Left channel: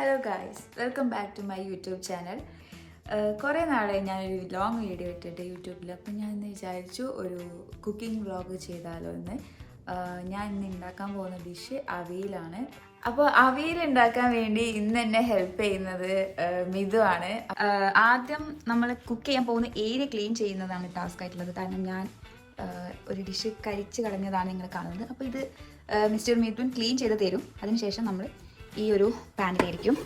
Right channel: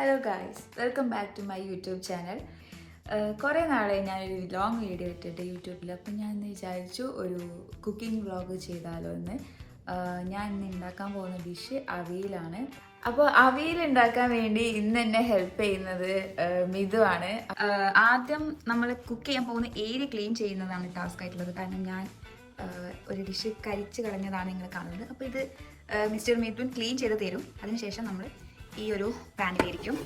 Hello guys, welcome back to my YouTube channel. കുറേ നാളായി ഞാനൊരു ലോങ് വീഡിയോ ഇട്ടിട്ട് യൂട്യൂബിൽ. അപ്പം ഞാൻ ഇന്ന് വിചാരിച്ചു ഒരു കുക്കിംഗ് വ്ളോഗ് ചെയ്താലോ എന്ന്. ഞാൻ ഇന്ന് ഉണ്ടാക്കാൻ പോകുന്ന ഡിഷ് അവിയലാണ്. അപ്പോൾ അവിയൽ ഉണ്ടാക്കാൻ വേണ്ടി ഇന്ന് എന്നെ ഹെൽപ്പ് ചെയ്യുന്നത് മിതു ആണ്. ആദ്യം നമ്മൾ കുക്ക് ചെയ്യാൻ പോകുന്ന ഏരിയ ക്ലീൻ ചെയ്യുന്നതാണ് ടാസ്ക് ആയിട്ടുള്ളത്. കാരണം ഞാൻ ഒരു ഡിഷ് കരിച്ച് കളഞ്ഞതാണ് നിങ്ങൾ കാണുന്നത്. അപ്പോൾ ഇത് മിസ്റ്റർ മിഥുൻ ക്ലീൻ ചെയ്ത് തരും. അതിനുശേഷം നമ്മൾ ഈ ഒരു പാനിലായിരിക്കും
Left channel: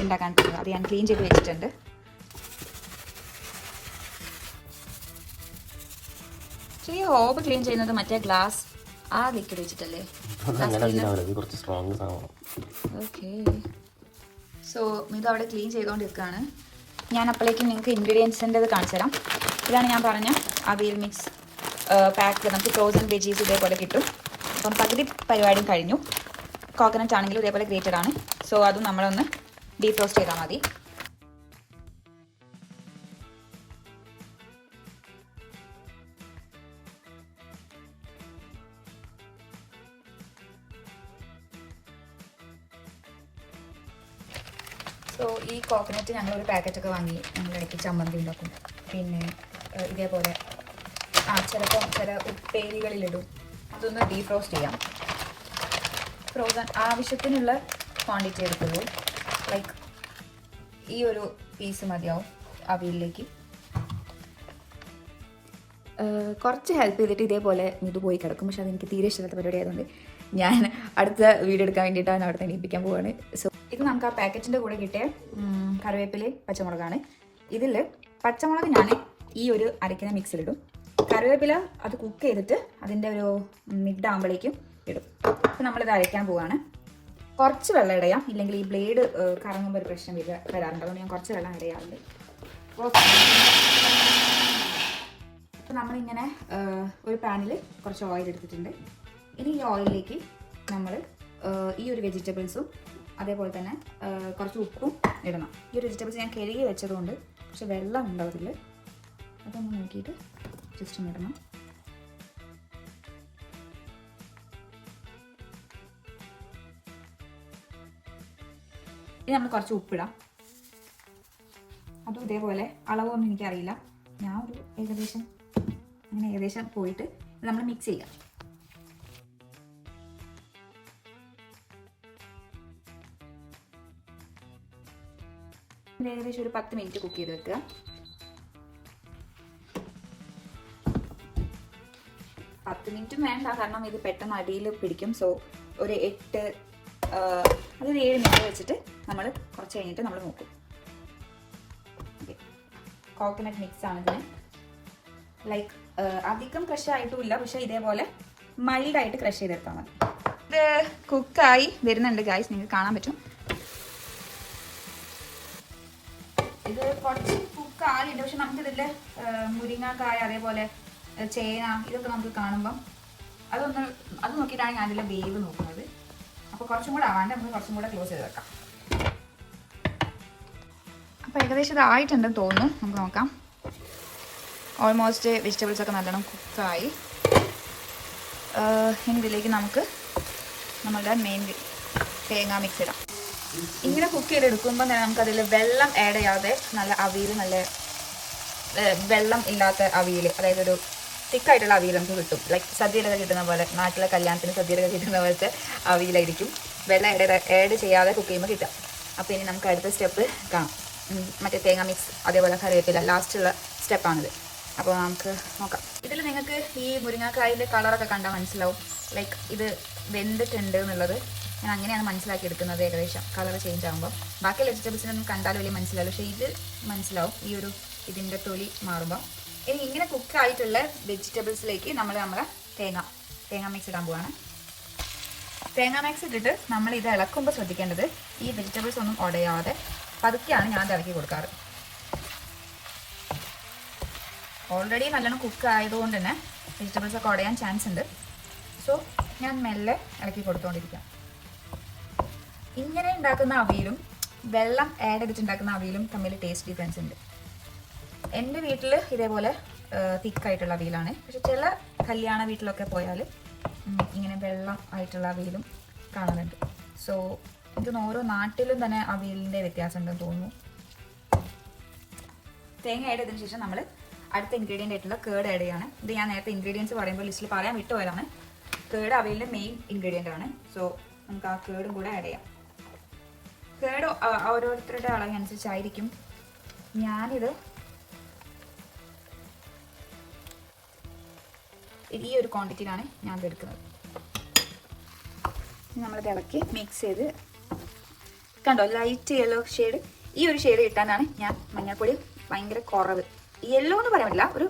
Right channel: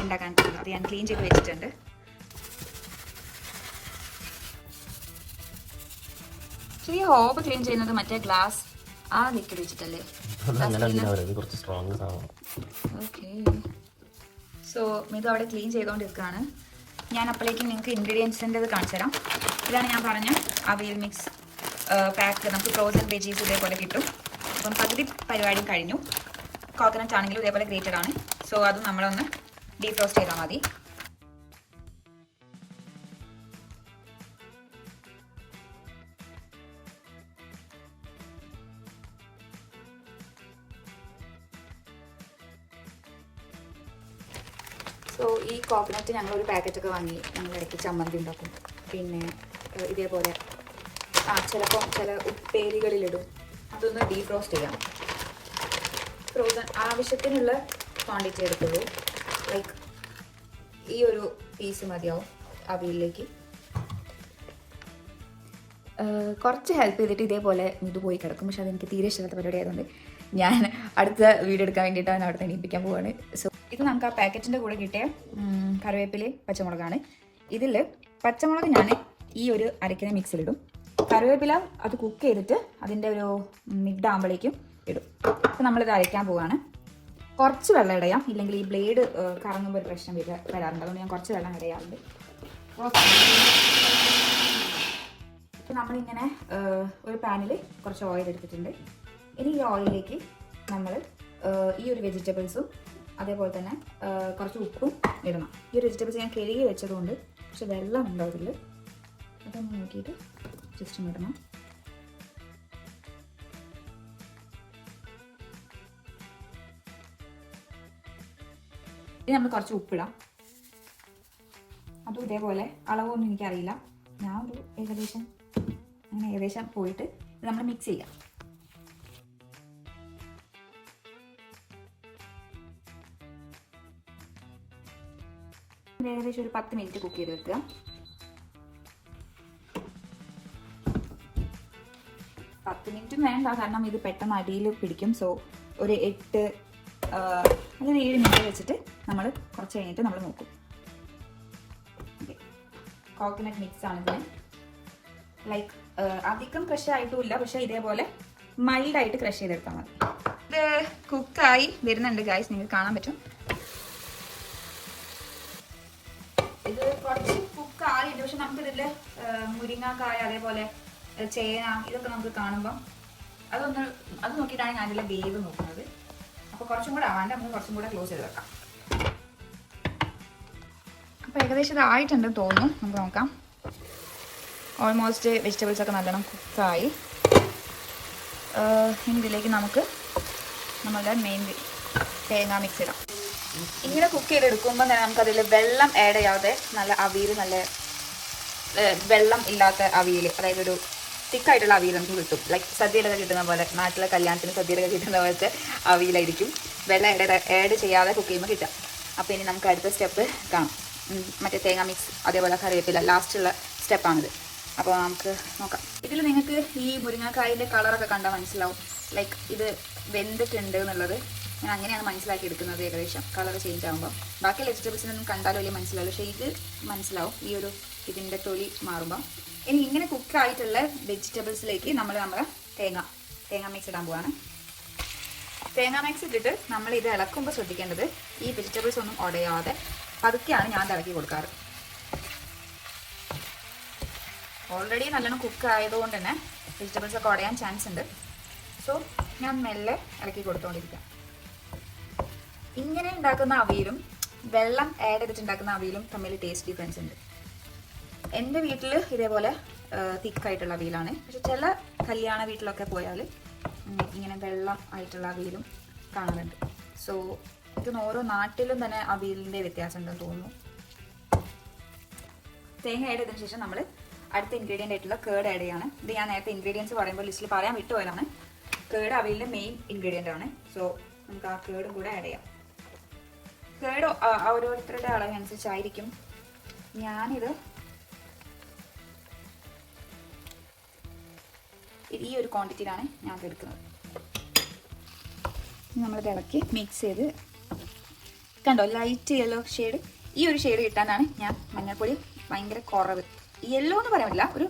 ഉണ്ടാക്കാൻ പോകുന്നത്. അത് ഞാൻ ക്ലീൻ ചെയ്ത് വെച്ചിട്ടുണ്ട്. ഈ ഹോബ് ക്ലീൻ ചെയ്യുന്നത് മറ്റേ ഗ്ലാസ് ആ ലിക്വിഡ് വെച്ചിട്ടല്ലേ? ഓക്കെ, സോ ഇത് അവിടെ ക്ലീൻ ചെയ്തുകൊണ്ടിരിക്കുകയാണ്. ഞാൻ അപ്പോഴേക്കും നിങ്ങൾക്ക് ഇൻഗ്രീഡിയൻസിൻ്റെ കാണിച്ചു തരാം. ഇതാണ് ഞാൻ പറഞ്ഞ അവിയൽ മിക്സ് പാക്ക്. നമുക്ക് ഫ്രോസൺ വെജീസ് ഇതേപോലെ കിട്ടും. അപ്പം പകുതി പരിപാടിയും കഴിഞ്ഞു. കോക്കനട്ട് ആണെങ്കിലും ഇതേപോലെ ഗ്രേറ്റഡ് ആണ്. സോ അതും നമ്മളൊന്ന് ഡീപ് റോസ്റ്റ് ചെയ്താൽ മതി. സോ ഈ കോക്കനട്ട് ഞങ്ങളൊരു പാക്കറ്റൊക്കെ വാങ്ങി ഞങ്ങളിടയ്ക്ക് ചമ്മന്തി ഉണ്ടാക്കും. പിന്നെ ഇതേപോലെ ചിലപ്പോൾ ചില ഉപ്പേരികളിലിടും. അതൊന്ന് ഡീപ് റോസ്റ്റ് ചെയ്യാം. ഫ്രോസൺ ആവശ്യത്തിനുള്ള ക്വാണ്ടിറ്റി എടുക്കുള്ളൂ. ലൈക്ക് ഈ ഒരു പീസ് മതിയാവും അവിയലിലേക്ക്. കുറച്ച് ഹെൽപ്പ് ചെയ്തിട്ട് ഇതേപോലെ ഇത് പോയി കിടക്കും. പക്ഷെ അതെനിക്ക് തീരെ ഇഷ്ടമില്ലാത്ത പരിപാടി ആയതുകൊണ്ട് ഞാൻ അടുത്ത വീഡിയോ എടുക്കാൻ വേണ്ടിയിട്ടാണ് അവിടെ എണീപ്പിക്കാൻ പോവാണ്. സോ ഇത് നമുക്ക് ആ പാക്കറ്റിൻ്റെ കൂടെ കിട്ടിയ കറിവേപ്പിലയും പച്ചമുളകാണ്. ഇതിൽ പച്ചമുളക് ഞാൻ ഈ ഒരു അരയ്ക്കുന്ന മിക്സിലിടും. കറിവേപ്പില അത് കുക്ക് ചെയ്തിട്ട് അതിൻ്റെ ഒരു മിഡ് ആകുമ്പോഴേക്കും ഇടും. അപ്പോൾ നമ്മളിത് അരയ്ക്കാൻ പോവുകയാണ്. കുറച്ച് വെള്ളം ഇടയാം, ഇല്ലെങ്കിൽ ഈ ബ്ലേഡ് കറങ്ങുമ്പോൾ ഒരു പ്രശ്നം വരാറുണ്ട്. അതുകൊണ്ട് ഞാൻ കുറച്ച് വെള്ളം ഇടയാറുണ്ട്. അപ്പോൾ നമ്മളിങ്ങനെ ഒരു പാനിൽ കുറച്ച് ഓയിൽ എടുത്തിട്ടുണ്ട്. ഇനി ഈ ഓയിലിലേക്ക് നമ്മൾ ഈ ഒരു വെജിറ്റബിൾസും അതേപോലെ തന്നെ കുറച്ച് ഉപ്പും ഇടണം. ഈ ഒരു വെജിറ്റബിൾസ് ഞാൻ കഴുകി വെച്ചതുകൊണ്ട് പക്ഷെ വെള്ളം ഉണ്ടാവില്ല. അതൊന്ന് നോക്കിയിട്ട് ജസ്റ്റ് ഒന്ന് ഇടണം. ഇനി നമ്മൾ കുറച്ച് ഉപ്പിടാം. അതും ഇതേപോലെ അളവൊന്നും എനിക്കറിയില്ല. ഞാൻ ഒരു ഏകദേശം പോയിട്ട് നമ്മൾ മിക്സ് ചെയ്യാം. ഏകദേശം ഒരു 10 മിനിറ്റ് കുക്ക് ചെയ്ത് വെക്കുക. 10 മിനിറ്റും വേണ്ട, കാരണം ഇത് പെട്ടെന്ന് അടിയിൽ പിടിക്കും. സോ ഒരു 7 മിനിറ്റ് വെച്ചിട്ട് നമ്മൾ കുറച്ച് കഴിഞ്ഞിട്ട് നമ്മൾ നോക്കും. കോക്കനട്ട് മിക്സ് ആണ് ഇതിന്. ലൈക്ക് അധികം ക്രഷ് ആയിട്ടുമില്ല, പക്ഷെ ഇതേപോലെ മൈൽഡായിട്ട് ക്രഷ് ചെയ്തെടുത്താൽ മതി. ഇത് കുക്കായി വരുന്നുണ്ട് ഗൈസ്, നിങ്ങൾക്ക് കാണാൻ പറ്റും. ഇത് കുറച്ച് കുക്കായിട്ടുണ്ട്, പക്ഷെ നമുക്കിതിൽ മുരിങ്ങക്കായ അതേപോലെ ചേന ഇതൊക്കെ നമുക്ക് കാണുമ്പം അത് നോക്കിയിട്ടാണ് ഞാൻ അതിലെ വേവ് നോക്കുന്നത്. അപ്പോൾ കുറച്ചും കൂടെ ആവാണ്ട് നമുക്ക് കുറച്ചും കൂടെ ക്ലോസ് ചെയ്ത് വെക്കാം. അപ്പോൾ ഏകദേശം ഇതായിട്ടുണ്ടെന്ന് തോന്നുന്നു. നമുക്ക് നോക്കാം. ഓൾമോസ്റ്റ് വെജിറ്റബിൾസ് ഒക്കെ നല്ലോണം കുക്കായി. ഇനി ഇതിലേക്ക് നമുക്ക് നമ്മളുടെ മെയിൻ തേങ്ങ മിക്സ് ഇടാം. ഇങ്ങനെ കുക്ക് ചെയ്തെടുക്കുമ്പോൾ തന്നെ നമുക്കതിൽ വെള്ളം ആഡ് ചെയ്യാതെ നല്ല അവിയൽ, നല്ല വെള്ളം ഇല്ലാത്ത അവിയൽ, അതായത് ഒരു തിക്കായിട്ടുള്ള അവിയൽ നമുക്ക് കിട്ടും. ലൈക്ക് സദ്യയിലൊക്കെ കിട്ടുന്ന പോലെ, നാട്ടിലെ കല്യാണത്തിന് സദ്യയിലൊക്കെ കിട്ടുന്ന പോലത്തെ അവിയലായിരിക്കും. വെള്ളം ആഡ് ചെയ്യാതെ കുക്ക് ചെയ്യുമ്പോൾ കിട്ടുക. അപ്പോൾ ഇനി നമുക്ക് അടുത്ത സ്റ്റെപ്പ് കാണാം. മറ്റേ തേങ്ങ മിക്സ് അതേപോലെ കറിവേപ്പില ലാസ്റ്റുള്ള സ്റ്റെപ്പാണിത്. അപ്പോൾ നമുക്ക് നോക്കാം. ഇതിൽ നിങ്ങൾക്ക് ഈ മുരിങ്ങക്കായൻ്റെ കളറൊക്കെ കണ്ടാൽ മനസ്സിലാവും. ലൈക്ക് ഇത് വെന്തിട്ടുണ്ട് എന്നുള്ളത് ഞാൻ അങ്ങനെയാണ് മനസ്സിലാക്കി എടുക്കുന്നത്. ഏകദേശം കളർ ചേഞ്ച് ആകുമ്പോൾ ബാക്കി വെജിറ്റബിൾസിനൊന്നും കണ്ടാലും വലിയ മനസ്സിലാവും, പക്ഷേ ഇത് മനസ്സിലാവും ഈ ഒരു ഇതിൻ്റെ തൊലി മാറുമ്പോൾ. ഇനി ഇങ്ങനെ കുക്കായിട്ടുള്ള വെജിറ്റബിൾസിലേക്ക് നമ്മുടെ തേങ്ങ മിക്സ് ഇടാൻ പോവാണ്. തേങ്ങ മിക്സ് ഇട്ടിട്ട് നമ്മൾ ഇത് ഇളക്കുമ്പോൾ ശ്രദ്ധിക്കേണ്ടത് ഈ വെജിറ്റബിൾസ് ഒന്നും ഉടയാതെ പതുക്കെയാണ് ഞാൻ ഇളക്കി കൊടുക്കാറ്. ഓൾറെഡി നല്ലോണം കുക്ക് ആയതുകൊണ്ട് തന്നെ വെജിറ്റബിൾസ് ഒക്കെ ഉടയാൻ ചാൻസ് ഉണ്ട്. സോ ഞാൻ മെല്ലെ ഇളക്കി കൊടുത്തുകൊണ്ടിരിക്കാം. ഇങ്ങനെ ഉണ്ടാക്കുന്ന അവിയലും വെള്ളം ആഡ് ചെയ്തിട്ടുണ്ടാക്കുന്ന അവിയലും തമ്മിൽ ടേസ്റ്റ് ഡിഫറൻസ് ഉണ്ട്. എൻ്റെ വീട്ടിൽ ഇതേപോലെ തിക്കായിട്ടുള്ള അവിയലാണ്, പക്ഷെ ചില കല്യാണ വീട്ടിലൊക്കെ പോയാൽ ഇങ്ങനെ വെള്ളം ആയിട്ടുള്ള അവിയലും കാണുന്നുണ്ട്. സോ ഇതിന് ഓരോ നാട്ടിലും തന്നെ അവിയലിൻ്റെ വ്യത്യാസം ഉണ്ടെന്ന് തോന്നുന്നു. തേങ്ങ ആഡ് ചെയ്തതിന് ശേഷം നമ്മൾ അടുത്ത ഇൻഗ്രീഡിയൻ്റ് ആയിട്ടുള്ള കേട് ആഡ് ചെയ്യാണ്. ഇത് ഞാൻ നേരത്തെ ഇൻഗ്രീഡിയൻസ് പറയുമ്പോൾ ലിസ്റ്റിൽ പറയാൻ വിട്ടുപോയതാണ്. കേട് അവിയലിൻ്റെ മെയിൻ ഇൻഗ്രീഡിയൻ്റ് ആണ്. സോ നമുക്ക് ആ കേടും കൂടെ ആഡ് ചെയ്യാം. കേട് ഓരോരുത്തരുടെ അളവനുസരിച്ചായിരിക്കും. ഞാനിത് ഈ ഒരു ക്വാണ്ടിറ്റിയിലാണ് ഞാൻ എടുക്കുന്നത്. നമ്മളിത് ഇളക്കി മിക്സ് ചെയ്ത് കണ്ടോ ലൈറ്റ് യെല്ലോ ഷെയ്ഡ്. ഈ ഒരു ഷെയ്ഡ് കിട്ടാനാണ് ഞാൻ മഞ്ഞൾപ്പൊടി ഭയങ്കര കുറവ്. യെല്ലോ എന്ന് പറയാൻ പറ്റില്ല, ഒരു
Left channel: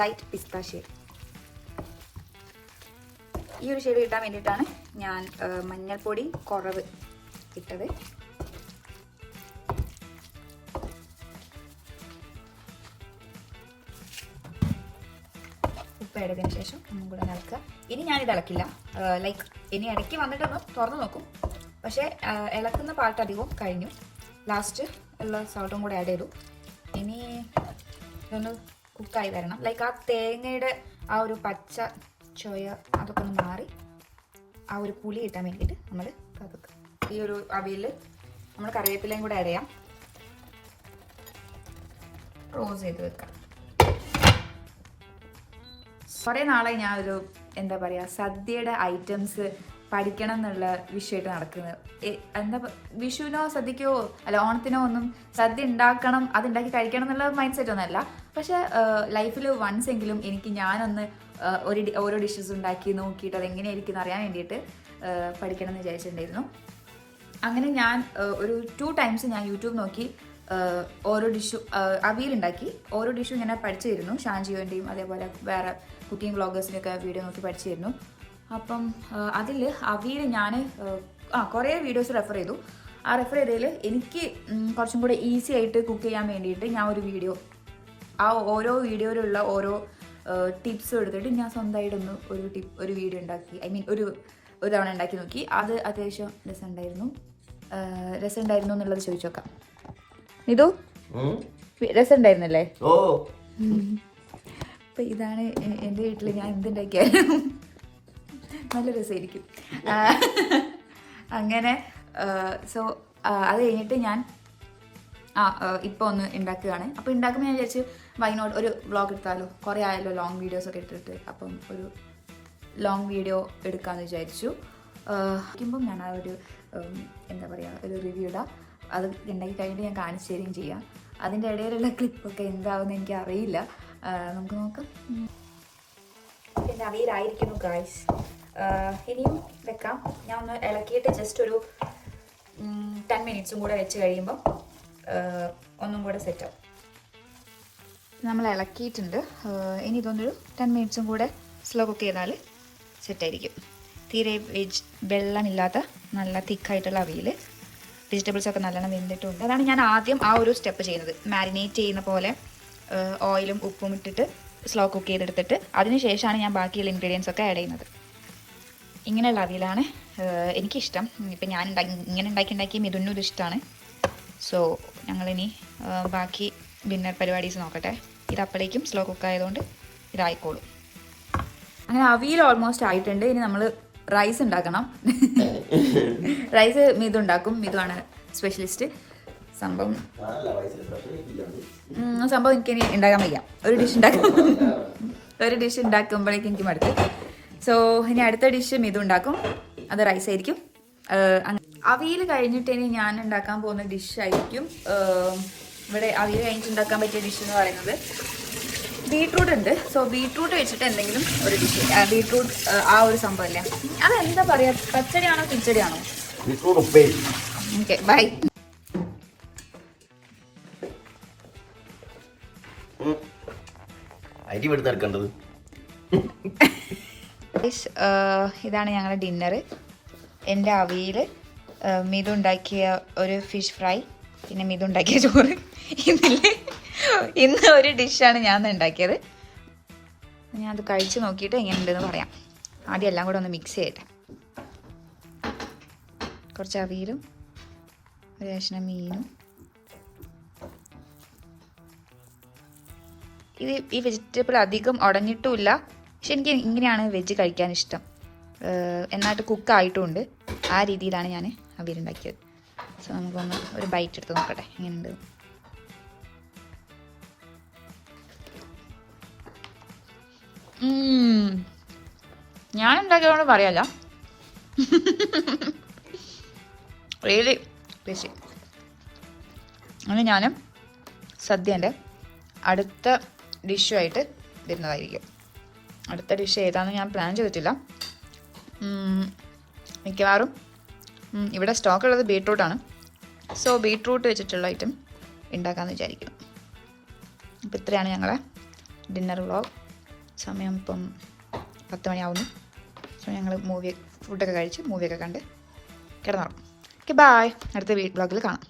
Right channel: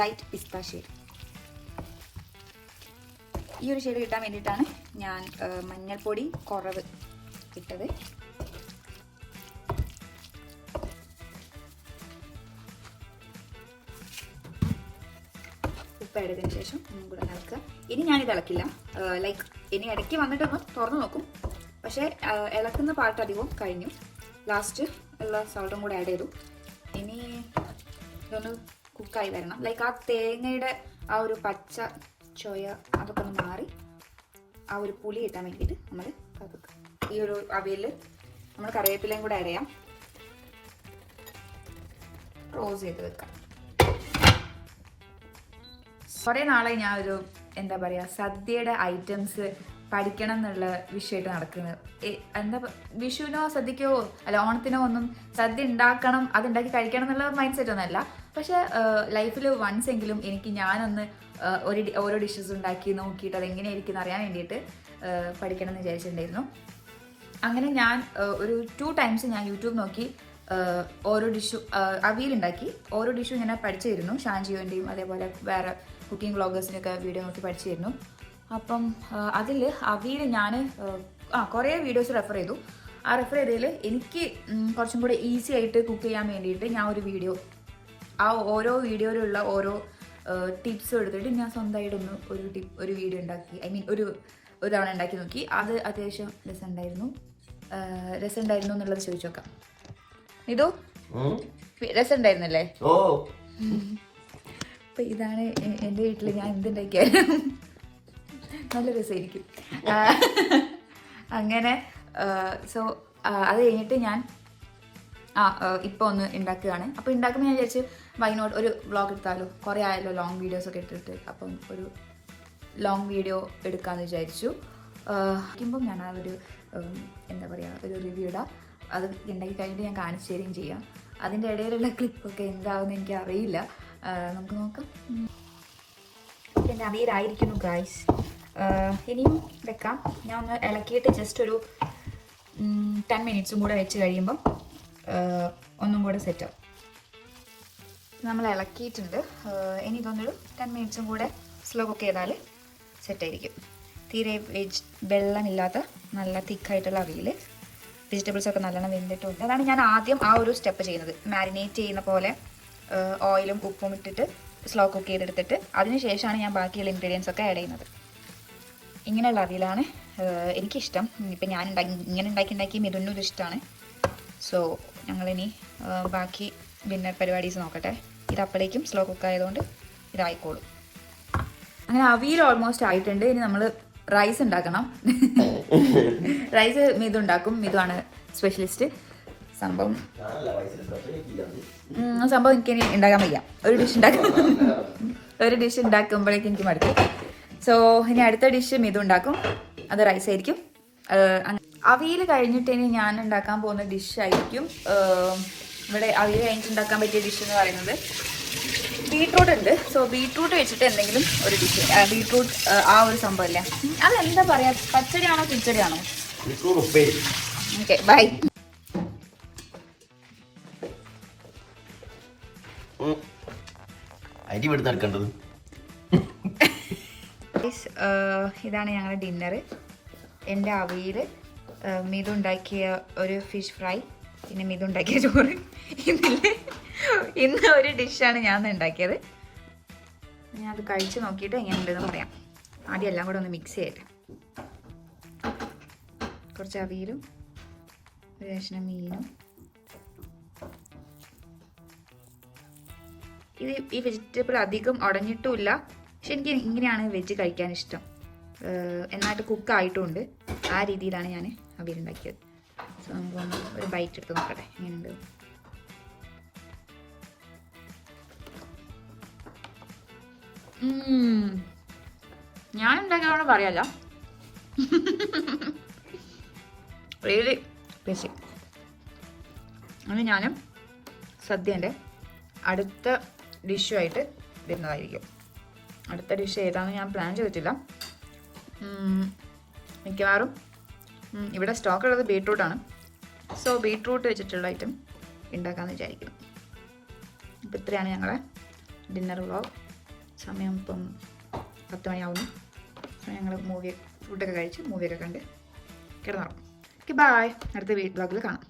ലൈറ്റ് പിസ്ത ഷെയ്ഡ്. ഈ ഒരു ഷെയ്ഡ് കിട്ടാൻ വേണ്ടിയിട്ടാണ് ഞാൻ മഞ്ഞൾപ്പൊടി കുറവ് ഇട്ടത്. ഉപ്പ് ഇട്ടതിന് ശേഷം ഒന്നും കൂടെ ഇളക്കുക. ഇനി ഞാനിത് ഇളക്കില്ല. ലൈക്ക് ഇനി ഇടയ്ക്ക് വന്നിട്ടൊന്ന് തുറന്നു നോക്കും. പക്ഷേ ഇളക്കുന്ന പാർട്ട് അധികവും കഴിഞ്ഞു. ലാസ്റ്റ് ഉള്ള സോൾട്ടും കൂടെ ആഡ് ചെയ്തു. ഇനി ഇതൊന്ന് കുക്കായി വരണം. ലൈക്ക് ആ തേങ്ങയുടെ ആ ഒരു പച്ച ചോയ അതൊക്കെ ഒന്ന് മാറി ആ ഒരു പുളി കിട്ടാൻ വേണ്ടിയിട്ട് നമ്മൾ കതുക്കുക. ഈ ഒരു അവിയൽ നമ്മൾ കറിവേപ്പിലയും കൂടെ ആഡ് ചെയ്യാം. റോസ് ചെയ്ത് വെക്കാം. കുറേ നാളായി ഞാൻ ഒരു എന്താ പറയുക സദ്യയുടെ ഐറ്റംസ് പഠിക്കണം എന്നുള്ള വിഷയമായിട്ട് നടക്കുന്നത്. എന്താ വിഷുവിനോ സദ്യക്കോ അല്ല ഓണത്തിനോ ഒന്നും സദ്യ ഉണ്ടാക്കണം, അതുണ്ടാക്കി കഴിക്കണം എന്നുള്ള മൈൻഡ് സെറ്റ് ഒന്നുമല്ല. പക്ഷെ ലൈഫിൽ വൺസ് എങ്കിലും എനിക്ക് ഞാനൊന്ന് ഓരോ ഡിഷസ് ഉണ്ടാക്കി നോക്കിയിട്ട് അതെങ്ങനെയായിരിക്കും അറിയാൻ വേണ്ടിയിട്ട് പഠിക്കണം എന്ന് വിചാരിച്ചിട്ടുണ്ടായിരുന്നു. അങ്ങനെ ഞാൻ ഒരു 2 times ഞാൻ യൂട്യൂബ് നോക്കി ഓരോ ഡിഷും അവിയലുണ്ടാക്കി ഓരോ ഡിഷും ഇങ്ങനെ പഠിച്ചിരുന്നു. ഷാൻജിയോൻ്റെയും അതേപോലെ വേറെ കുക്കിംഗ് വ്ളോഗേഴ്സിൻ്റെയൊക്കെ വീഡിയോ നോക്കി പഠിച്ചിരുന്നു. അപ്പം അതിൽ അവിയൽ ഞാൻ കുറേ വീഡിയോസ് റെഫർ ചെയ്തു. ആ റെഫർ ചെയ്തതിൽ എനിക്ക് കുറച്ചും കൂടെ ഈസി ആയിട്ട് കുക്ക് ചെയ്യാൻ വേണ്ടിയിട്ട് ഞാൻ ഒരു വീഡിയോ ആ ഓരോ വീഡിയോയിലുള്ള ഓരോ ടിപ്സും എടുത്തിട്ട് ഞാൻ സ്വന്തമായിട്ടൊന്ന് ഒരു വീഡിയോ ഉണ്ടാക്കി. ഐ മീൻ ഒരു തവണ ഉണ്ടാക്കി നോക്കി. അത് അത്യാവശ്യം രസമുണ്ടായിരുന്നു എന്നുള്ളത് ചോദിച്ചു നോക്കാം. ഇതു രസമുണ്ടായിരുന്നല്ലേ? അപ്പം ഇതാണ് എൻ്റെ വീട്ടിൽ ഞാൻ എന്തുണ്ടാക്കിയാലും നല്ല രസമായിരിക്കും. അങ്ങനെ സോ അത് കഴിഞ്ഞിട്ട് ഞാൻ ഇപ്പോൾ ഒന്ന് ഉണ്ടാക്കുകയാണ്. അപ്പോൾ ഉണ്ടാക്കുമ്പോൾ ഞാൻ വിചാരിച്ചു വൈനോട്ട് ഒരു വ്ളോഗ് എടുത്താലോ, കുറേ ആയല്ലോ ലോങ് വീഡിയോസൊക്കെ ഇട്ടിട്ട്. അപ്പം ഒരു ലോങ് വീഡിയോ എടുക്കാമെന്ന് വിചാരിച്ചു. ഇരിക്കുമ്പം ഞാൻ ആ ഒരു എന്താ പറയുക ഒരു റിവ്യൂ ഇടാം. അത് ഉണ്ടാക്കി കഴിഞ്ഞിട്ട് ഞാൻ കാണിച്ചു തരികയും ചെയ്യാം. അതിൻ്റെ ഇടയിലുള്ള ക്ലിപ്പൊക്കെ എന്താവുമെന്ന് എനിക്ക് അറിയില്ല. നമുക്ക് നോക്കാം. പിന്നെ അവിയലായിരിക്കുന്നു ഗായ്സ്. ഇനിയും വെക്കാം. ഞാൻ ഒന്ന് ഇളക്കിയിട്ട് ജസ്റ്റ് ഒരു 10 minutes കൂടെ വെച്ച് കഴിയുമ്പം ഒന്നും കൂടെ സെറ്റാവും. നമ്മൾ ഇളക്കിയിട്ടുണ്ട്. ഇനി ഇതൊന്നൊരു 10 minutes കൂടെ സ്ലോ കുക്ക് ചെയ്താൽ സെറ്റായിരിക്കും. തീരെ വെള്ളമില്ലാത്ത നല്ല തിക്കായിട്ടുള്ള അവിയൽ. വെജിറ്റബിൾസൊക്കെ നല്ലോണം വെന്തിട്ടുണ്ട്. അതാണ് ഞാൻ ആദ്യം ആ ഒരു സ്റ്റെപ്പ് ചെയ്യുന്നത്. മാരിനേറ്റ് ചെയ്യുന്ന പോലെ ഓയിലും ഉപ്പും ഇട്ടിട്ട് സ്ലോ കുക്ക് ചെയ്തെടുത്തിട്ട് അതിന് ശേഷമാണ് ഞാൻ ബാക്കിയുള്ള ഇൻഗ്രീഡിയൻസ് ഒക്കെ ആഡ് ചെയ്യുന്നത്. ഇങ്ങനെയുള്ള അവിയലാണ് എനിക്കിഷ്ടം. ഇപ്പം ഞാൻ ഇങ്ങനെ ഉണ്ടാക്കി മിഥുനും ഇത് ഇഷ്ടമാണ്. സോ ഞങ്ങളിനി ബാക്കി ഡിന്നർ പരിപാടീസ് നോക്കട്ടെ. ഇത് അപ്പോഴേക്കും സ്ലോ കുക്ക് ആയതുകൊണ്ട് ഇതായിക്കോളും. അങ്ങനെ അവിയൽ ഓൾമോസ്റ്റ് ആയിട്ടുണ്ട്. ഇനി നമ്മൾ റൈസ് ഉണ്ടാക്കണം. റൈസ് മിഥു ഉണ്ടാക്കും. മിഥുവാണ് സ്പെഷ്യലിസ്റ്റ്. സംഭവം എനിക്കിനി ഉണ്ടാക്കാൻ വയ്യ. ഒരു ഡിഷ് ഉണ്ടാക്കുമ്പോഴേക്കും എനിക്ക് മടുത്ത്. സോ ഇനി അടുത്ത ഡിഷ് മിഥു ഉണ്ടാക്കും. അത് റൈസ് ആയിരിക്കും. അവിയൽ കഴിഞ്ഞിട്ട് ഇനി ഞാൻ ഉണ്ടാക്കാൻ പോകുന്ന ഡിഷായിരിക്കും ഇവിടെ അവിയൽ കഴിഞ്ഞിട്ട് ഉണ്ടാക്കാൻ പറ്റിയ ഡിഷ് എന്ന് പറയുന്നത് ബീട്രൂട്ട് ഉണ്ട്. സോ ബീട്രൂട്ട് വെച്ചിട്ട് എന്തെങ്കിലും ഒരു ഡിഷ്. ബീട്രൂട്ട് ആ ഒരു സംഭവം അല്ലേ, അതെന്താ പറയാ, പച്ചടിയാണോ കിച്ചടിയാണോ? Okay bye. ഇതാണ് ഞങ്ങളുടെ ഡിന്നർ. എൻ്റെ അവിയൽ, മിഥു ഉണ്ടാക്കിയ ഒരു ഫിഷ് ഫ്രൈ, പിന്നെ മിഥു ഉണ്ടാക്കിയ ചോറ്. ഇന്ന് ഒരു ഡിഷാണ് ഞാൻ ഉണ്ടാക്കിയത്. ഞാൻ അത് കഴിച്ച് നോക്കിയിട്ട് എങ്ങനെയുണ്ടെന്ന് പറയാം. ആദ്യം എല്ലാം കൂടെ ഒന്ന് മിക്സ് ചെയ്യട്ടെ. കുറച്ച് അവിയലും ഒരു കഷ്ണം മീനും. ഈ വെജിറ്റബിൾ അധികം ഉടഞ്ഞിട്ടുമില്ല. പക്ഷെ എനിക്ക് ഇങ്ങനെയാണ് വെജ് കഴിക്കാൻ ഇഷ്ടം. എന്നായിട്ട് കുക്കായിട്ടുമുണ്ട്. ആ രീതിയിലാണ് ഞാൻ അവിയലുണ്ടാക്കിയത്. സോ നമുക്കൊന്ന് ഒരു ബൈറ്റ് എടുത്ത് നോക്കട്ടെ എങ്ങനെയുണ്ട്. ഞാൻ ഉണ്ടാക്കിയതുകൊണ്ട് പറയല്ല, റിയലി ടേസ്റ്റി. അങ്ങനെ ഞാൻ സദ്യേൻ്റെ അടുത്ത ഡിഷുമായിട്ട് വരുന്നതായിരിക്കും. അടുത്ത ഡിഷ് ഏതാണെന്ന് ഞാൻ പ്ലാൻ ചെയ്തിട്ടില്ല. മിക്കവാറും ഇവിടെ സ്റ്റോക്കുള്ളത് ബീട്രൂട്ടാണ്. സോ ബീട്രൂട്ട് വെച്ചിട്ടുള്ള ഐറ്റം ഉണ്ടാക്കാമെന്ന് വിചാരിക്കുന്നു. അപ്പോൾ ഇത്രയാണ് ഞങ്ങളെ ഡിന്നർ വ്ളോഗ്. സമയം ഇപ്പം 10 മണിയാവുന്നു. സോ ഞങ്ങൾ ഫുഡൊക്കെ കഴിച്ച് മൂവിയൊക്കെ കണ്ട് കിടന്നുറങ്ങും. Okay, bye. അടുത്ത വ്ളോഗിൽ കാണാം.